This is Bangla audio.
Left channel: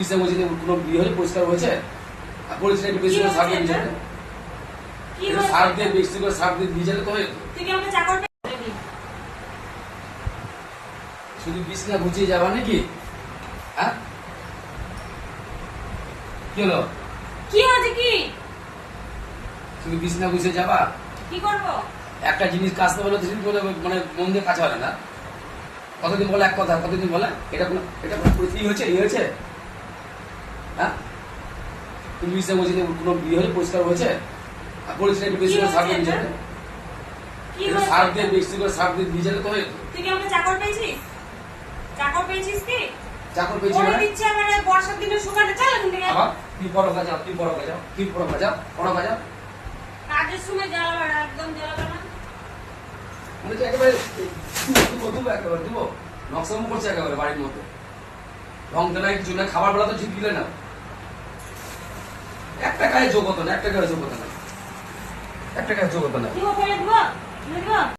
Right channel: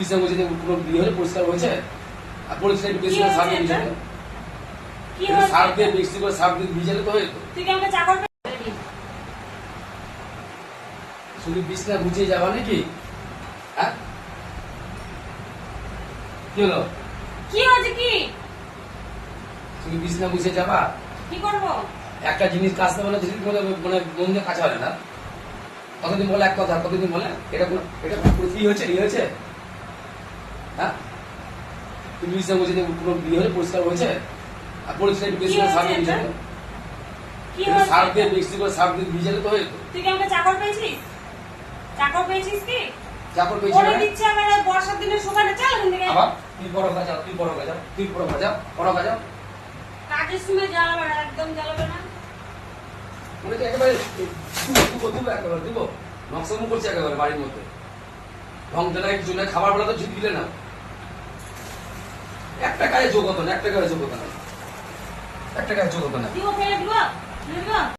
কিসে বলছি কোনো বিয়ে হলে পরিষ্কার হয়েছে? আর পরিষ্কার বেশি করে সার দিয়ে ভিজালে সার দিয়ে বেশি করে সার দিয়ে ভিজালে তো হয়ে যেত। তুই কি আমাকে চাকর পেলি শুধু বিছনা গুছিয়ে যাবা নাকি? হ্যাঁ? কি হলো? কি হয়েছে কি? শুধু বিছনা গুছিয়ে যাবা? কি করব? একটা জিনিস কাজতে বলে দুদিন বলে মানে মন দিয়ে কাজ হয় না। কতদিন বলে এক কথা কতদিন বলে? এটা এটা হয়েছে? ই হয়েছে? হ্যাঁ তুমি বলছি যে কোনো বিয়ে হলে পরিষ্কার হয়েছে? আর পরিষ্কার বেশি করে সার দিয়ে সার দিয়ে বেশি করে সার দিয়ে তুই কি চাকর পেয়েছিস? চাকর পেয়েছিস কি? চাকর মানে? দিচ্ছে আমার বর্ষার দিনে শুকানে চল এখান থেকে? তুই বড় কাজা তুই বড় কাজা তুই বড় কাজা বড় কাজা কাজের সময় জ্বালাবে না একদম জ্বালাবে না? আমি তো একেবারে দুবো দুবো একেবারে দুবো নকশামো করছে একেবারে বাড়ির মধ্যে। রং জানাই চুলে খাবার বেলা তো ঠিক দিলে না। একটা গায়ে যোগ হতো না একটা গায়ে যোগ হতো না একটা গায়ে যোগ হতো না